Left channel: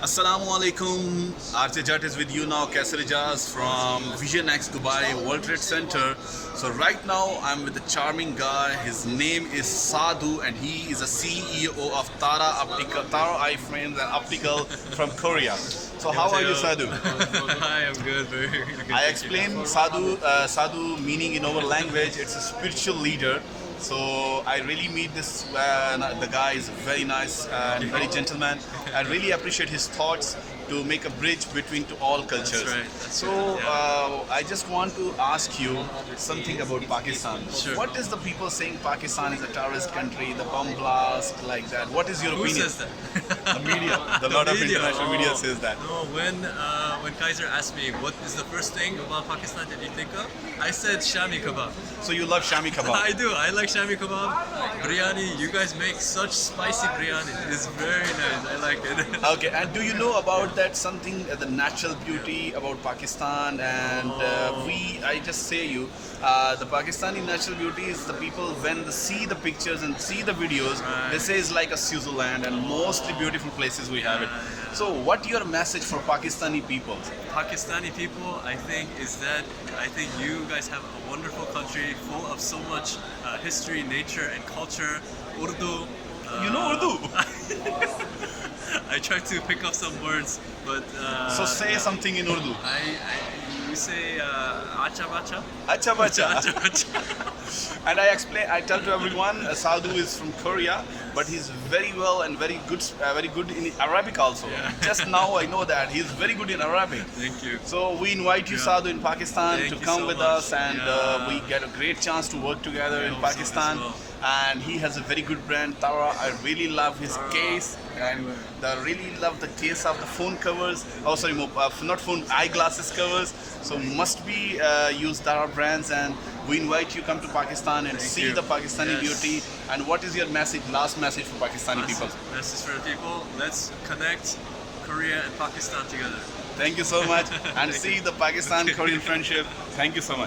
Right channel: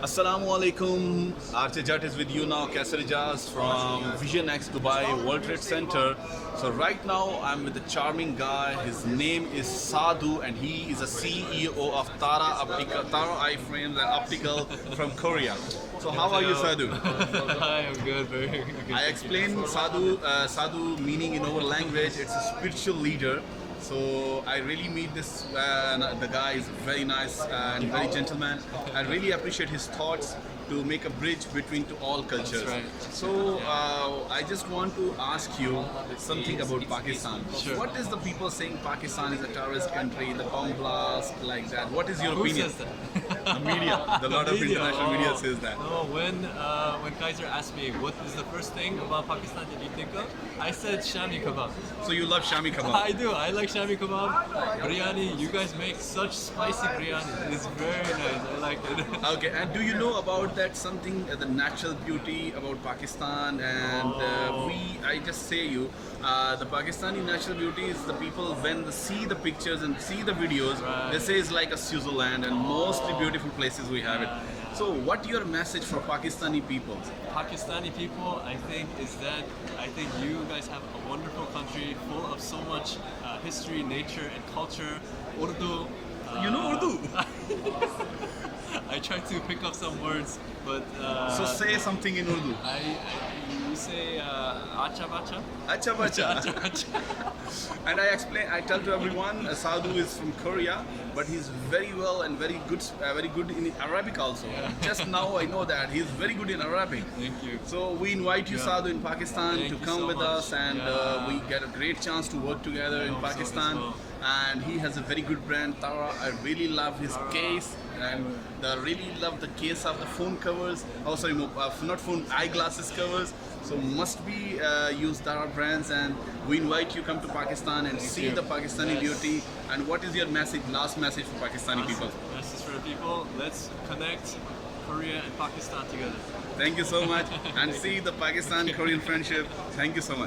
Assalamu alaikum. RJ Jat is with you now, Kaisar Ijaz from Vision X Dubai World Trade Center. So right now I'm with a charming guy. His name is Sadhu and he is a CEO of Tara Eye Frames and Optical from Korea. So how are you, Sadhu? Hi, I'm good. Very good. I explained Sadhu meaning in our language. It's a spiritual leader. So I really meet this the guy is very nice and very gentleman. I really appreciate his thoughts to make a bridge between to all cultures. That's right, that's So I just want to ask you something about Pakistan. Sure. What is the people saying Pakistan is a terrorist country, the bomb blast like that? What is your Who opinion? says that? The media, the lot of media. international media Oh. says that. No, when Kaiser asked me what is the first thing about Pakistan that you think of, I said shami kebab. So you love Shami kebab. I do. I like shami kebab, biryani. You guys make such spicy biryani. It's very nice. I like it. Okay, and do you know about that something, the natural beauty about Pakistan? And I just say you, the Pakistani natural beauty is the people when they see the pictures and see the videos, they say it's like a Switzerland and mostly beautiful places we have it. So, what your message for Pakistani people? Pakistani people, I think, is that I think you guys have a wonderful country full of so much history, nature, and culture. Urdu. You know Urdu? I try to pick up some words, but So say something in Urdu. you say acha bacha. Acha bacha. Acha bacha. And I tell to everyone, Sadhu is from Korea, but he's very well and very good in Arabic also. Yeah. Just now I know that he's very good in Arabic. Thank you. So we invite you, Yeah. Sadhu, in Pakistan Thank to you come so with much. us, and Yeah. we get a great chance to work together in hope so as Pakistan. well. And he has a very good brand, Tara. I really love his Tara. case, and Everywhere. I really love the case of the phone covers. Oh, sorry, not phone, eyeglasses covers. So must be use Tara brands, and we invite you come to Pakistan and Thank see you. the Pakistani Yes. beauty. And what is your message? Last message for Pakistani people. Message for the people. Let's connect Korea and Pakistan together. Thank you so much, and see the Pakistan-Korean friendship. Thank you so much.